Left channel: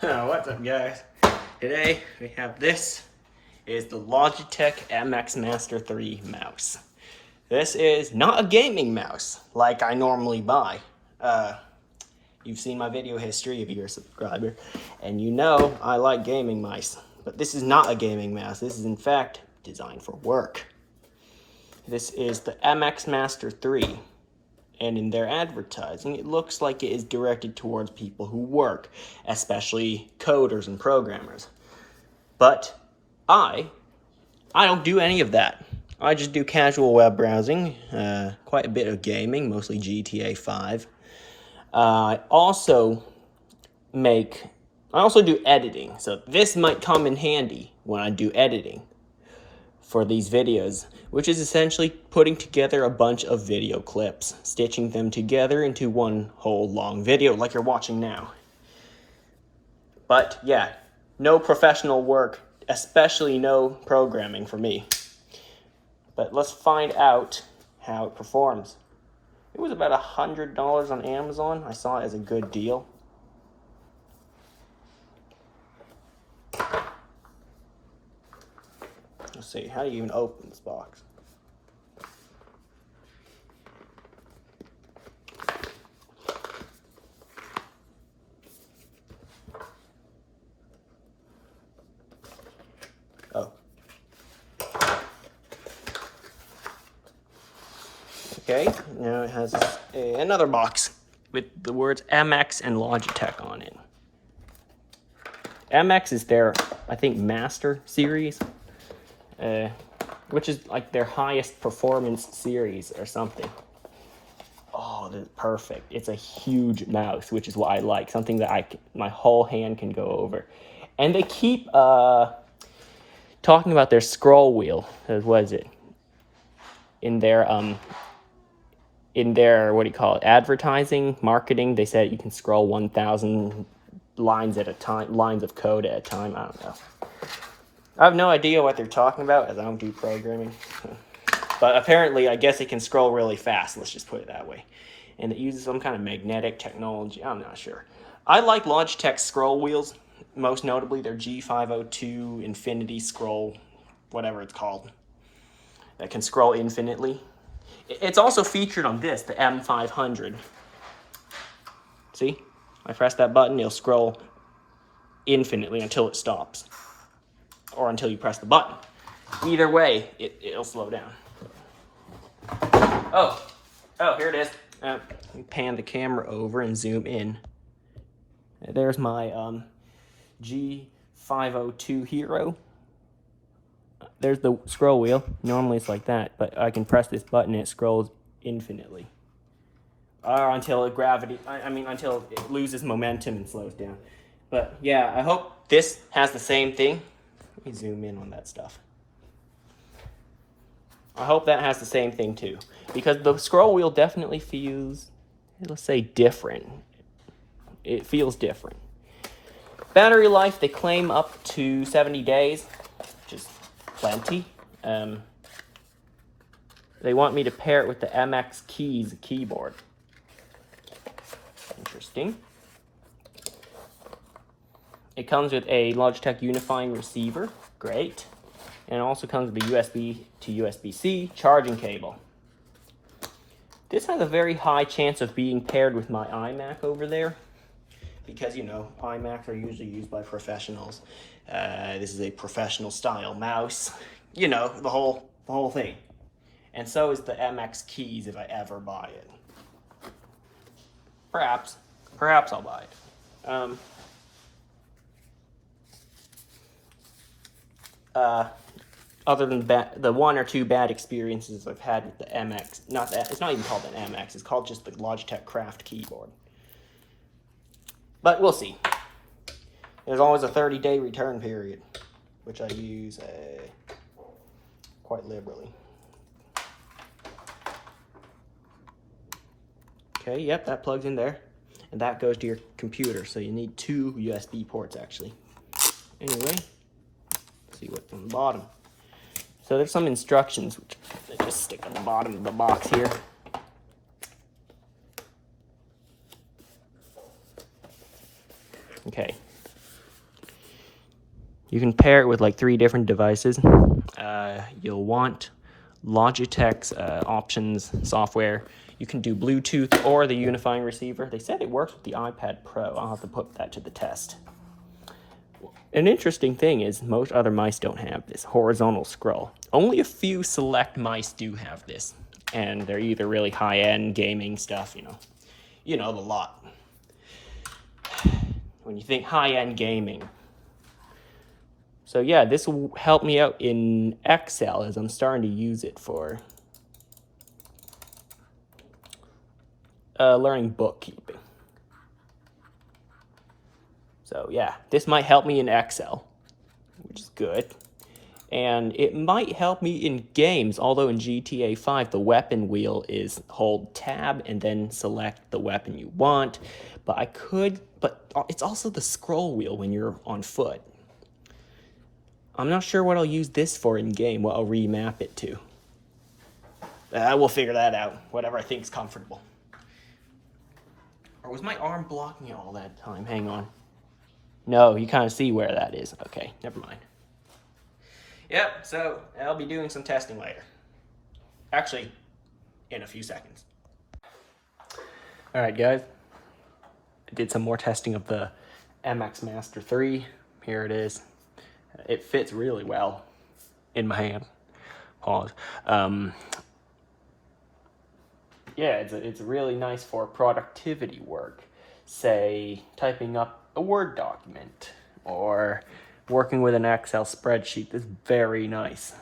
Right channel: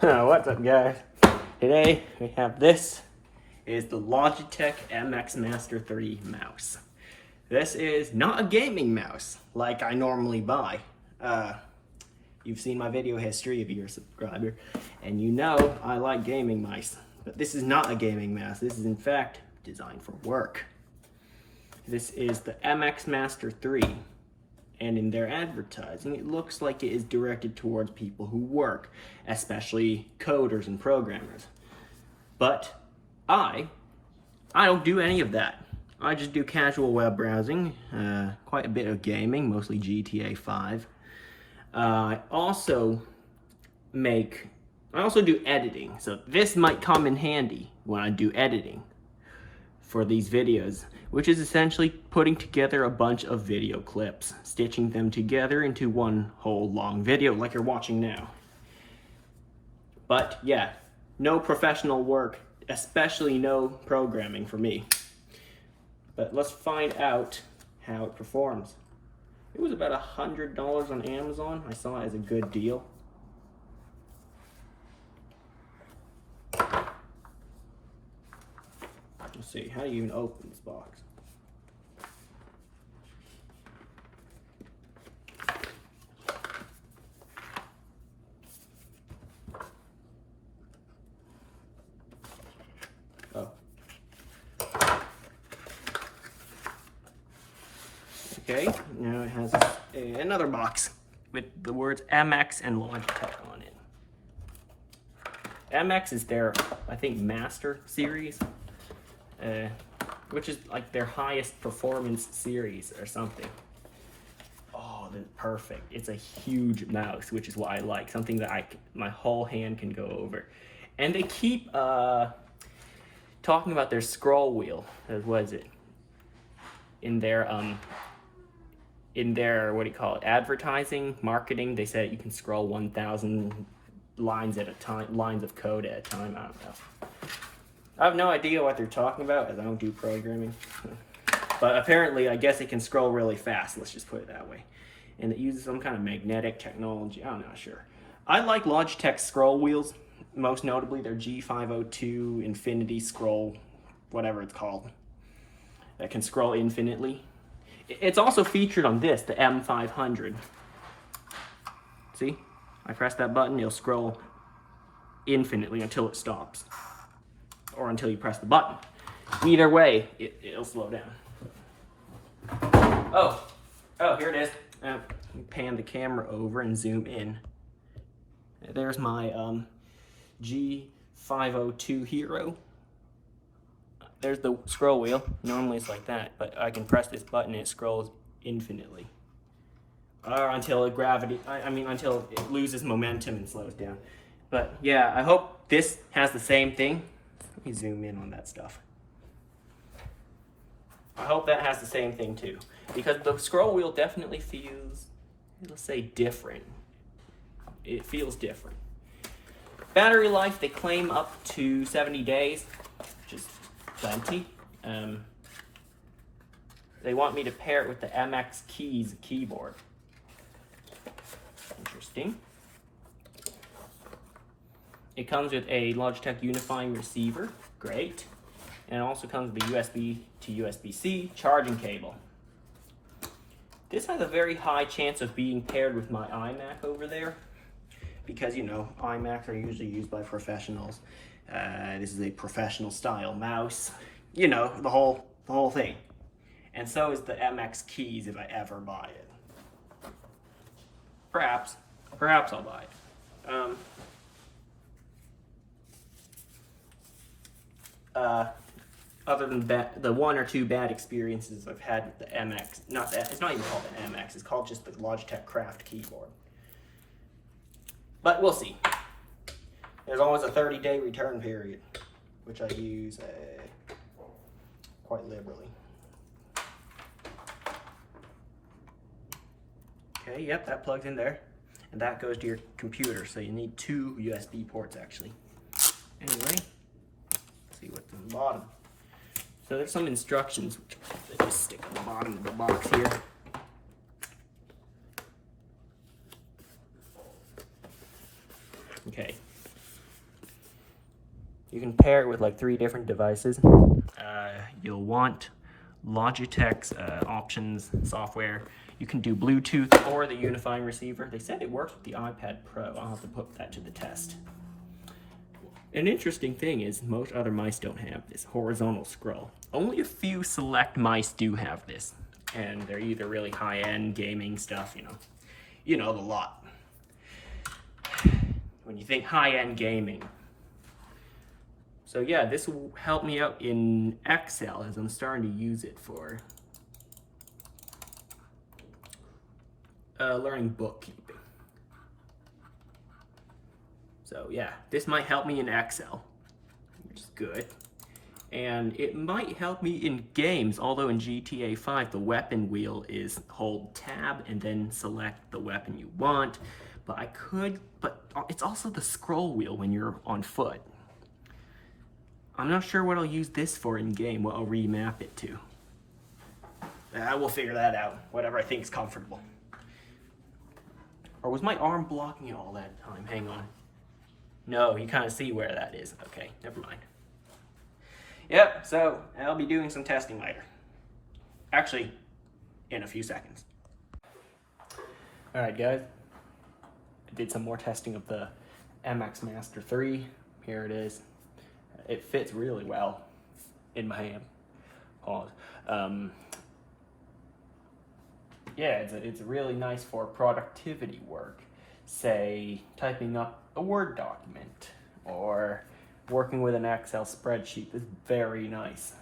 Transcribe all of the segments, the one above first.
What's up, guys? Today we have this is the Logitech MX Master 3 mouse. This is not a gaming mouse like I normally buy. You've seen my video history if you're a subscriber, and you know I like gaming mice. But this is not a gaming mouse. This is in fact designed for work. This is the MX Master 3. And in their advertising, it looks like it is directed towards people who work, especially coders and programmers. But I don't do any of that. I just do casual web browsing, quite a bit of gaming, mostly GTA 5. I also do editing, so this might come in handy when I do editing for these videos, which is essentially putting together a bunch of video clips, stitching them together into one whole long video like you're watching now. But yeah, no professional work, especially no programming for me. But let's find out how it performs. It was about $100 on Amazon. I saw it as a good deal. Let's see, how do you even open this box? Oh. Okay, now it has another box with the words MX and Logitech on it. MX is their, I think, Master series. Which is like their highest performance series or something. Oh, that's perfect. It's a huge mouse, which is what I like. Something that my whole hand can go over. And they keep talking about their scroll wheel. What is it? In their what do you call it? Advertising, marketing. They said you can scroll 1,000 lines at a time, lines of code at a time. I don't know. I have no idea what they're talking about, as I don't do programming. But apparently, I guess it can scroll really fast, let's just put it that way. And it uses some kind of magnetic technology, I'm not sure. I like Logitech scroll wheels, most notably their G502 Infinity Scroll, whatever it's called, that can scroll infinitely. It's also featured on this, the M500. See? I press that button, it'll scroll infinitely until it stops. Or until you press the button. Either way, it'll slow down. Oh, here it is. Pan the camera over and zoom in. There's my G502 Hero. There's the scroll wheel. Normally it's like that, but I can press this button and it scrolls infinitely. Or until until it loses momentum and slows down. But yeah, I hope this has the same thing. Let me zoom in on that stuff. I hope that has the same thing too, because the scroll wheel definitely feels, let's say, different. It feels different. Battery life, they claim up to 70 days, which is plenty. They want me to pair it with the MX Keys keyboard. Interesting. It comes with a Logitech unifying receiver, great. And it also comes with a USB to USB-C charging cable. This has a very high chance of being paired with my iMac over there, because, you know, iMacs are usually used by professionals. This is a professional style mouse, you know, the whole thing. And so is the MX Keys if I ever buy it. Perhaps I'll buy it. Other than the one or two bad experiences I've had with the MX, it's not even called an MX, it's called just the Logitech Craft keyboard. But we'll see. There's always a 30-day return period, which I use quite liberally. Okay, yep, that plugs in there. And that goes to your computer, so you need 2 USB ports actually. Anyway. See what's on the bottom. So there's some instructions which I just stick on the bottom of the box here. Okay. You can pair it with like 3 different devices. You'll want Logitech's options software. You can do Bluetooth or the unifying receiver. They said it works with the iPad Pro. I'll have to put that to the test. An interesting thing is most other mice don't have this horizontal scroll. Only a few select mice do have this, and they're either really high-end gaming stuff, you know the lot. When you think high-end gaming. So yeah, this will help me out in Excel as I'm starting to use it for learning bookkeeping. So yeah, this might help me in Excel, which is good. And it might help me in games, although in GTA 5, the weapon wheel is hold tab and then select the weapon you want. But it's also the scroll wheel when you're on foot. I'm not sure what I'll use this for in game, what I'll remap it to. We'll figure that out, whatever I think is comfortable. Or was my arm blocking it all that time? Hang on. No, you kind of see where that is. Okay, never mind. Yep, so I'll be doing some testing later. Actually, in a few seconds. Alright guys, I did some more testing of the MX Master 3. Here it is. It fits really well in my hand. Pause. Yeah, it's really nice for productivity work. Say, typing up a Word document or working with an Excel spreadsheet. Is very nice.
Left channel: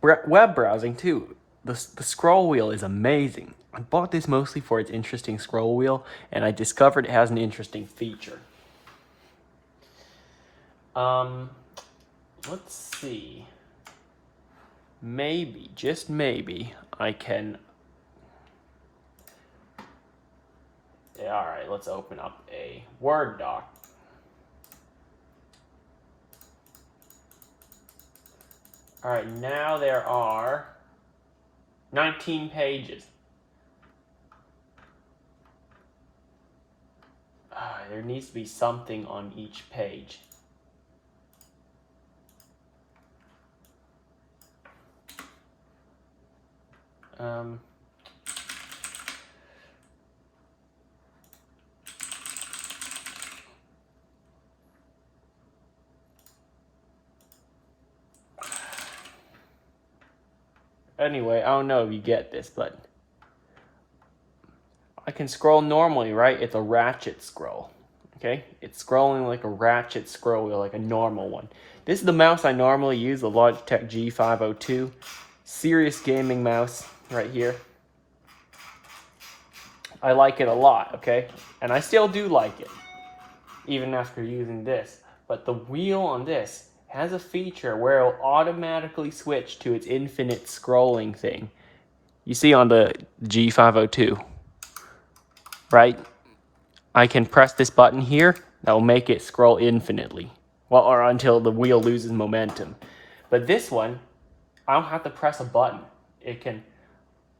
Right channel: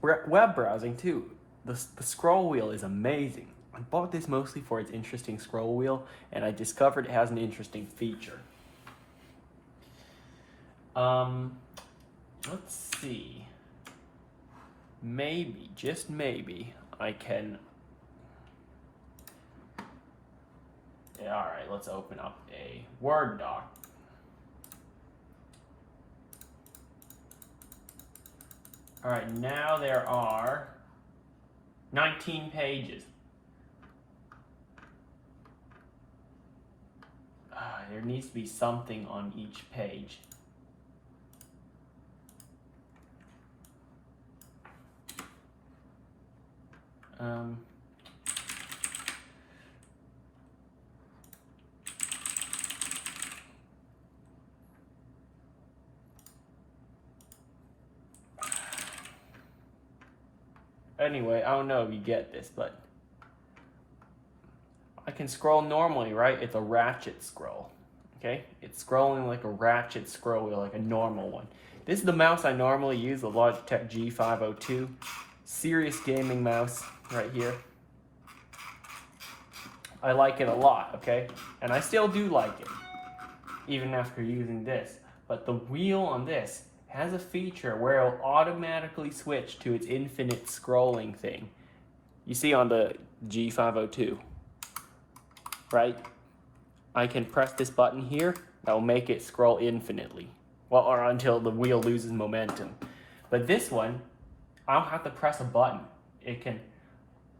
Web browsing too. The scroll wheel is amazing. I bought this mostly for its interesting scroll wheel, and I discovered it has an interesting feature. Let's see. Maybe, just maybe, I can... Yeah, alright, let's open up a Word doc. Alright, now there are 19 pages. There needs to be something on each page. Anyway, I don't know if you get this, but I can scroll normally, right? It's a ratchet scroll, okay? It's scrolling like a ratchet scroll wheel, like a normal one. This is the mouse I normally use, the Logitech G502. Serious gaming mouse right here. I like it a lot, okay? And I still do like it, even after using this. But the wheel on this has a feature where it will automatically switch to its infinite scrolling thing. You see on the G502, right? I can press this button here, that will make it scroll infinitely. Well, or until the wheel loses momentum. But this one, I don't have to press a button.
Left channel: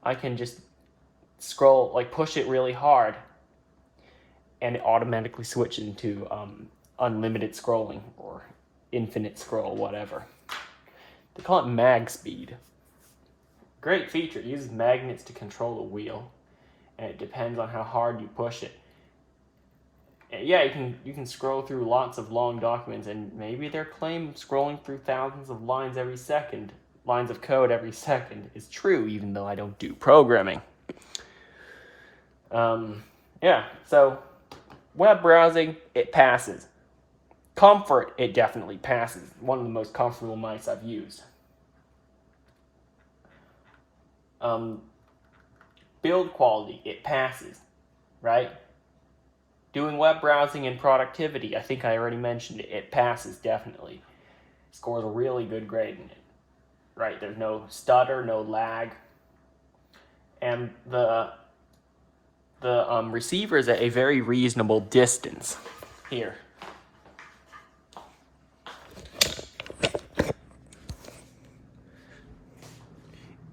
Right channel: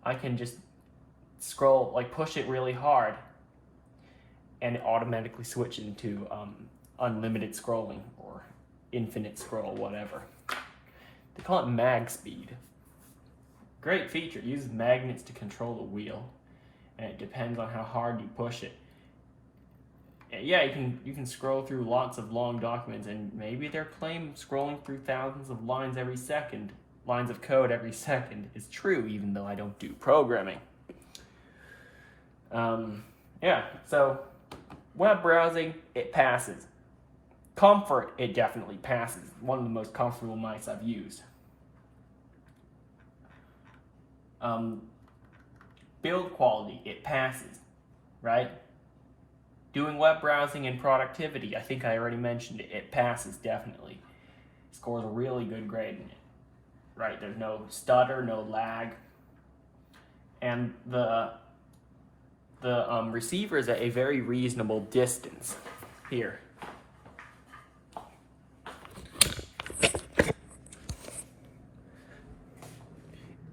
I can just scroll, like push it really hard, and it automatically switches into unlimited scrolling or infinite scroll, whatever. They call it mag speed. Great feature. It uses magnets to control the wheel, and it depends on how hard you push it. And yeah, you can scroll through lots of long documents, and maybe their claim of scrolling through thousands of lines of code every second is true, even though I don't do programming. Yeah, so web browsing, it passes. Comfort, it definitely passes. One of the most comfortable mice I've used. Build quality, it passes, right? Doing web browsing and productivity, I think I already mentioned it. It passes, definitely. Scores a really good grade in it. Right, there's no stutter, no lag. And the receiver is at a very reasonable distance. Here.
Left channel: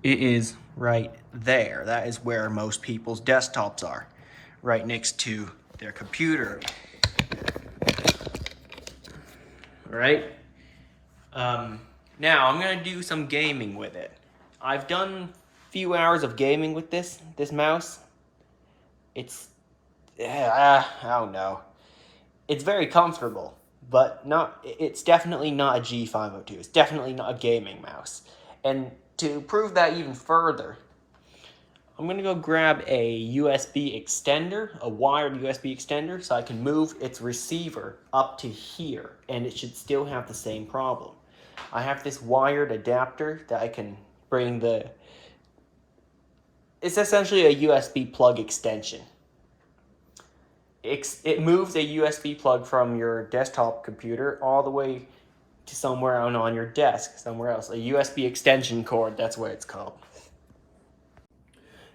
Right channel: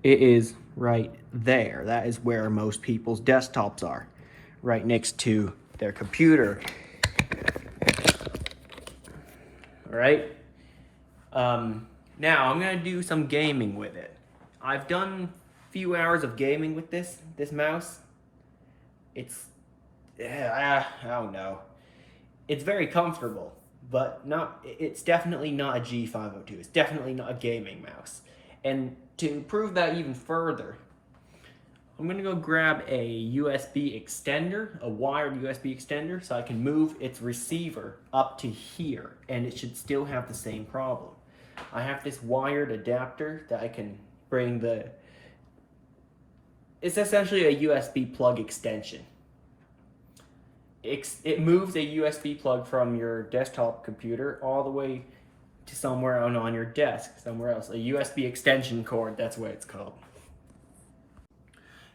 It is right there. That is where most people's desktops are. Right next to their computer. All right. Now I'm gonna do some gaming with it. I've done a few hours of gaming with this mouse. It's, I don't know. It's very comfortable, but it's definitely not a G502. It's definitely not a gaming mouse. And to prove that even further, I'm gonna go grab a USB extender, a wired USB extender, so I can move its receiver up to here, and it should still have the same problem. I have this wired adapter that I can bring it's essentially a USB plug extension. It moves a USB plug from your desktop computer all the way to somewhere on your desk, somewhere else. A USB extension cord, that's what it's called.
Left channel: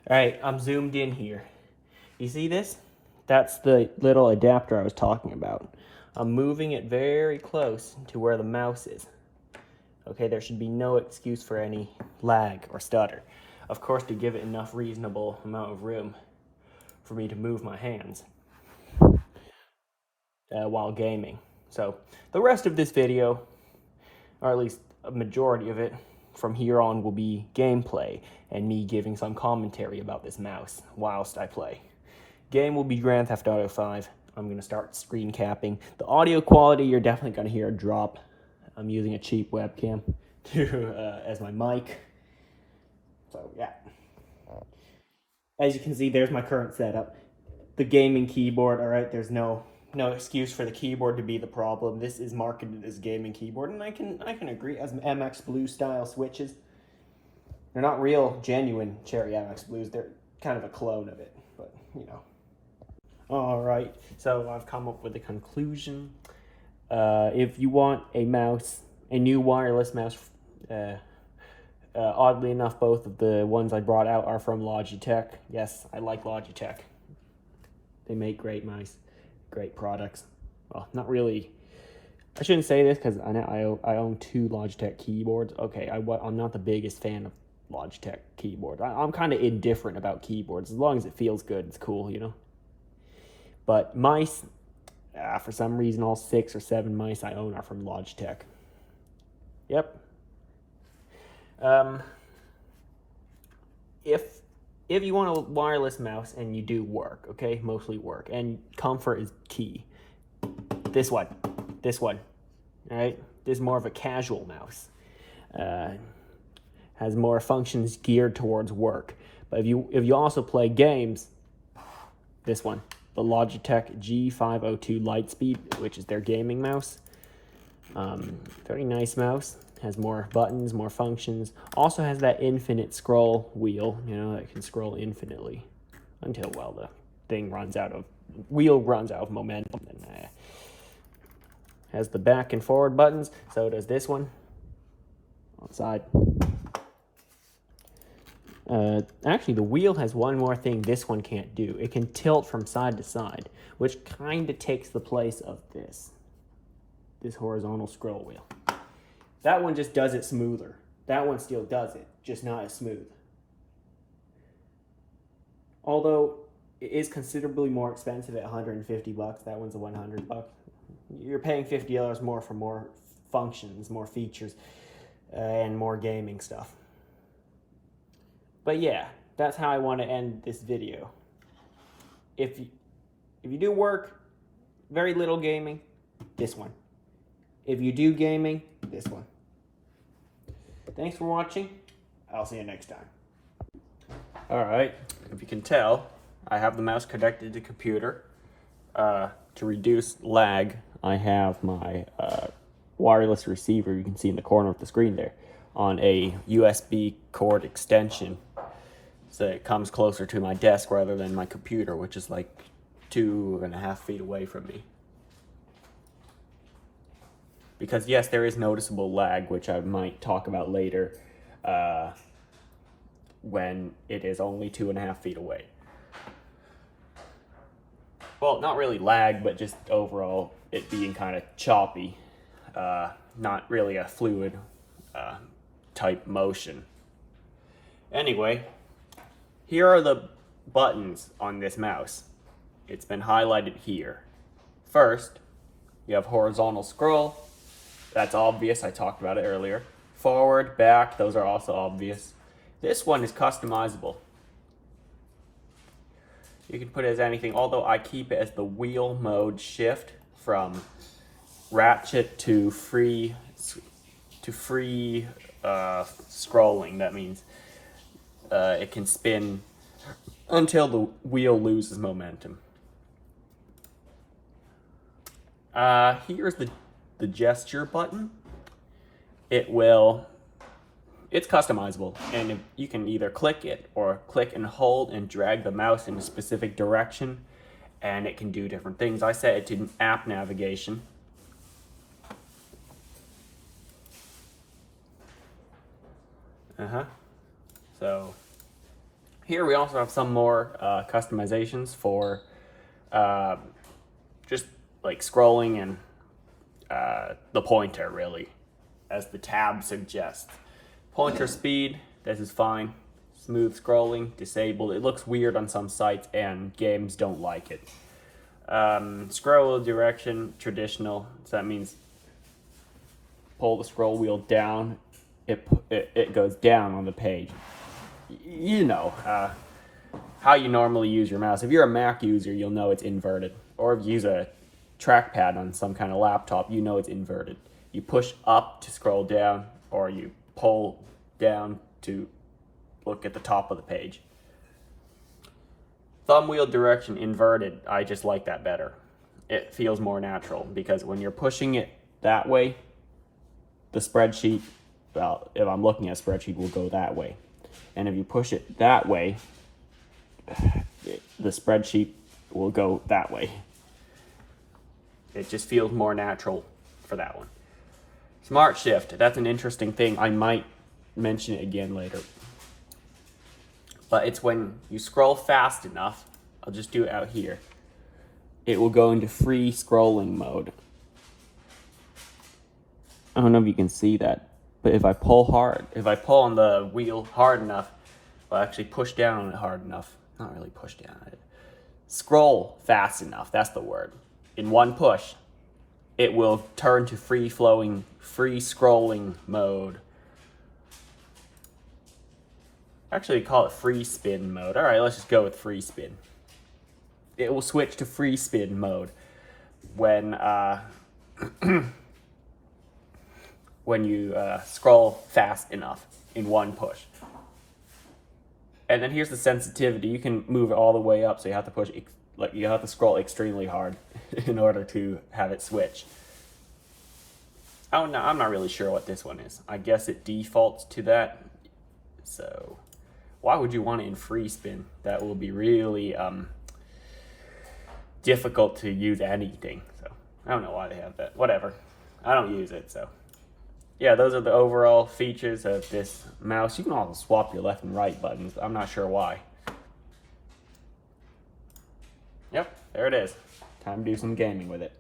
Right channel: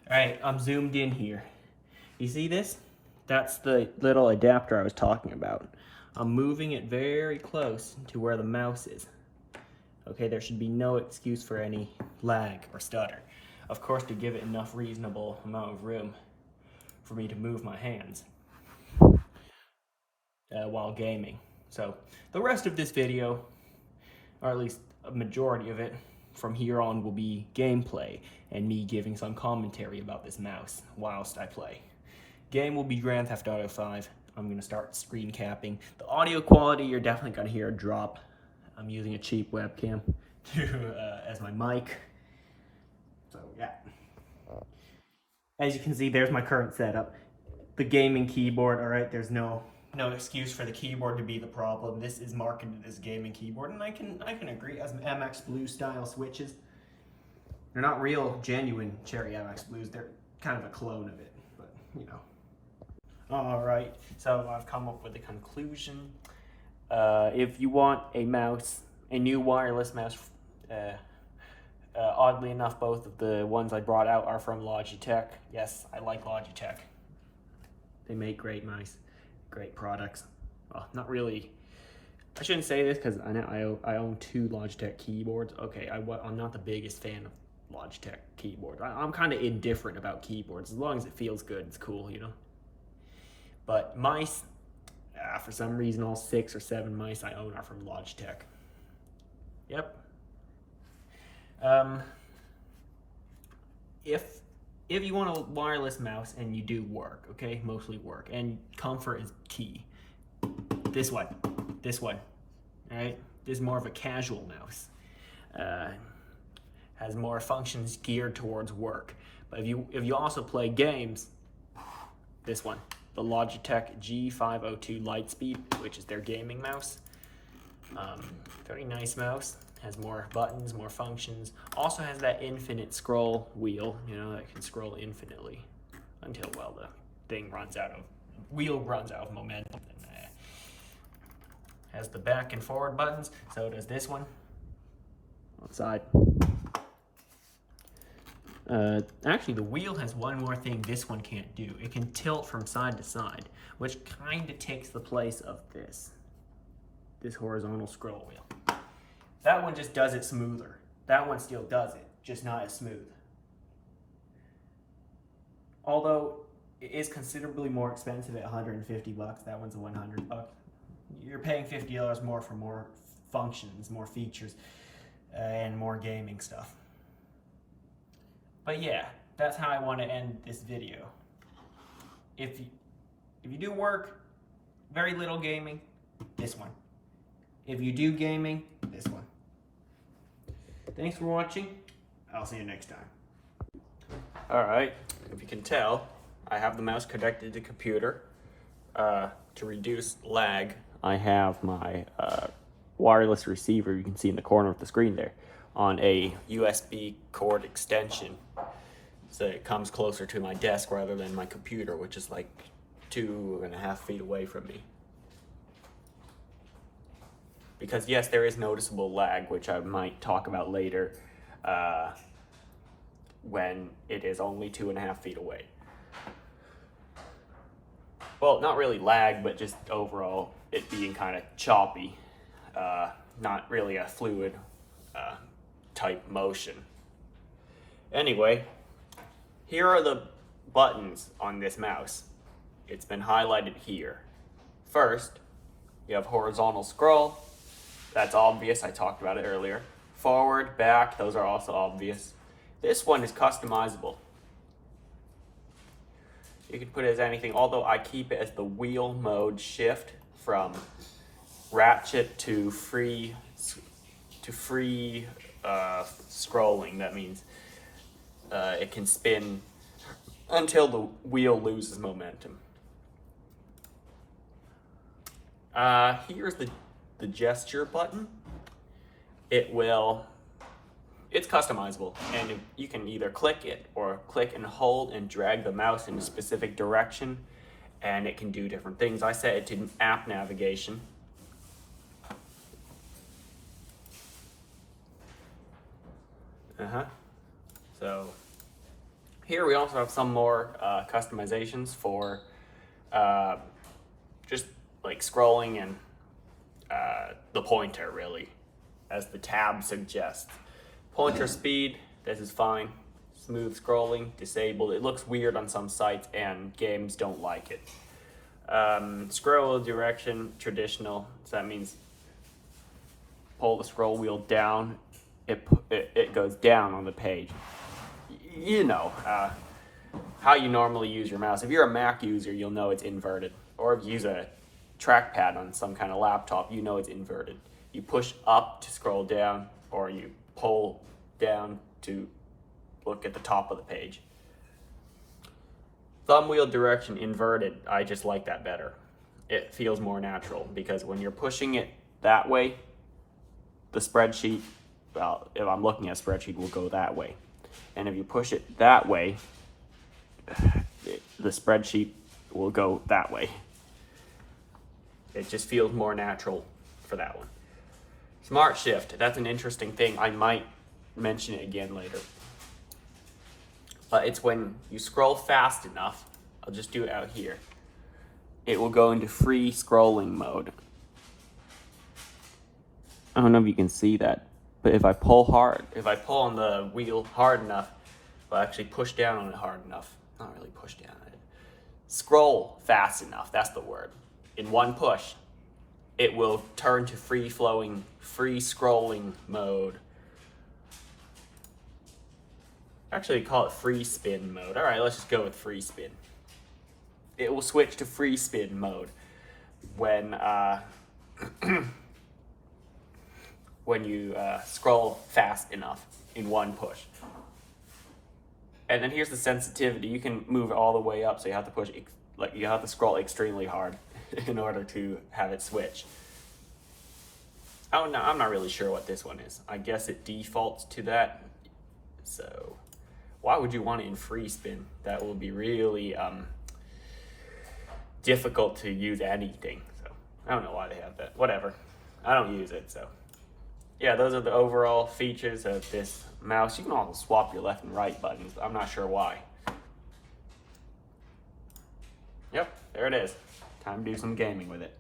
All right, I'm zoomed in here. You see this? That's the little adapter I was talking about. I'm moving it very close to where the mouse is. Okay, there should be no excuse for any lag or stutter. Of course, to give it enough reasonable amount of room for me to move my hands while gaming. So the rest of this video, or at least a majority of it, from here on will be gameplay and me giving some commentary about this mouse whilst I play. Game will be Grand Theft Auto 5. I'm going to start screen capping. The audio quality, you're definitely going to hear a drop. I'm using a cheap webcam as my mic. So yeah. As you can see, there's my current setup. The gaming keyboard, all right, there's no excuse for the keyboard to be the problem. This is marketed as gaming keyboard, and I can agree. As MX Blue style switches, they're not real, genuine Cherry MX Blues. They're kind of a clone of it, but you know. All right, so I've come up with a conclusion. If you want a mouse, a new wireless mouse, oddly enough, both of the ones I brought out are from Logitech. Yes, I like Logitech. They make great mice, great products. Well, not really. I shouldn't say this because I own 2 Logitech keyboards. Okay, I'm not the biggest fan of Logitech keyboards. I'm kind of indifferent about keyboards. As long as it feels good, it's cool, you know? But mice, for some reason, all 6 or 7 mice I own are from Logitech. Yep. If you want a wireless mouse and you do work, okay, mostly work, and comfort is key. This one, all right? This is more of a casual mouse. Has more functions geared towards work. But if you also play games, this one, the Logitech G502 Lightspeed, which is their gaming mouse. Very nice mouse. Has more buttons, more functions. Also has that infinite scroll wheel, you know, that can scroll infinitely until, well, the wheel runs out of momentum. And, has the back and forward buttons, so does this one. On side. Actually, the wheel has one more thing this one can't do. It can tilt from side to side, which kind of takes the place of this horizontal scroll wheel. That one just does it smoother. That one still does it, just not as smooth. Although it is considerably more expensive at $150. That one's a $100. You're paying $50 more for more functions, more features, and more gaming stuff. But yeah, that's how I want to end this video. If you do work, very little gaming, this one. If you do gaming, this one. Thanks for watching. I'll see you next time. Alright, if you can tell, I have the mouse connected to the computer. To reduce lag, I have my wireless receiver, you can see in the corner of the screen there, on a USB cord extension. So it comes closer to my desk rather than my computer, which is like 2.5 feet away from me. Because yes, there is noticeable lag, which I might talk about later when it is only 2.5 feet away. Well, not really lag, but just overall it being kind of choppy. Not really a fluid type motion. Anyway, here are the buttons on this mouse. It's been highlighted here. First, you have horizontal scroll. That's obvious, I talked about it earlier. Forward, back, those are also obvious. This one is customizable. You can put it as anything, although I keep it as the wheel mode shift from ratchet to free scrolling. That means it can spin until the wheel loses momentum. Here's the gesture button. It's customizable, and you can either click it or click and hold and drag the mouse in a specific direction, and it can do different things. I set it to app navigation. So here we also have some more customizations for just like scrolling and the pointer, really, as the tab suggests. Pointer speed, this is fine. Smooth scrolling, disabled. It looks weird on some sites and games don't like it. Scroll direction, traditional. So that means pull the scroll wheel down, it goes down on the page. You know how you normally use your mouse. If you're a Mac user, you'll know it's inverted. Or if you use a trackpad on some kind of laptop, you know it's inverted. You push up to scroll down, or you pull down to look at the top of the page. Thumb wheel direction inverted, I just like that better. It feels more natural, because when you're pushing it that way, the spreadsheet, well, if I'm looking at a spreadsheet, will go that way. And if you push it that way, the spreadsheet will go that way. It just feels more natural for that one. Smart shift, that's an interesting thing. I might mention it again later. But it's when you scroll fast enough, I'll just do it out here, it will go into free scrolling mode. I don't know if you can see that, but if I pull on the wheel hard enough, I'll actually push down on it hard enough. Not really push down on it. Scroll fast enough, that's the word. In one push, it will turn to free scrolling mode. Actually, call it free spin mode. All right, let's just go with free spin. It will switch to free spin mode when when you scroll fast enough in one push. And then here's the sensitivity. You can move it all the way up, so you have to scroll extremely hard in order to have it switch. Oh no, I'm not really sure what this one is. I guess it defaults to that. So why would you want it in free spin? That will be really difficult to use anything. So I don't know why they have that. Whatever. I don't use it, so. Yeah, those are the overall features of this mouse. You can also swap your left and right buttons, but I'm not sure why. Yep, there it is. Time to do some gaming with it.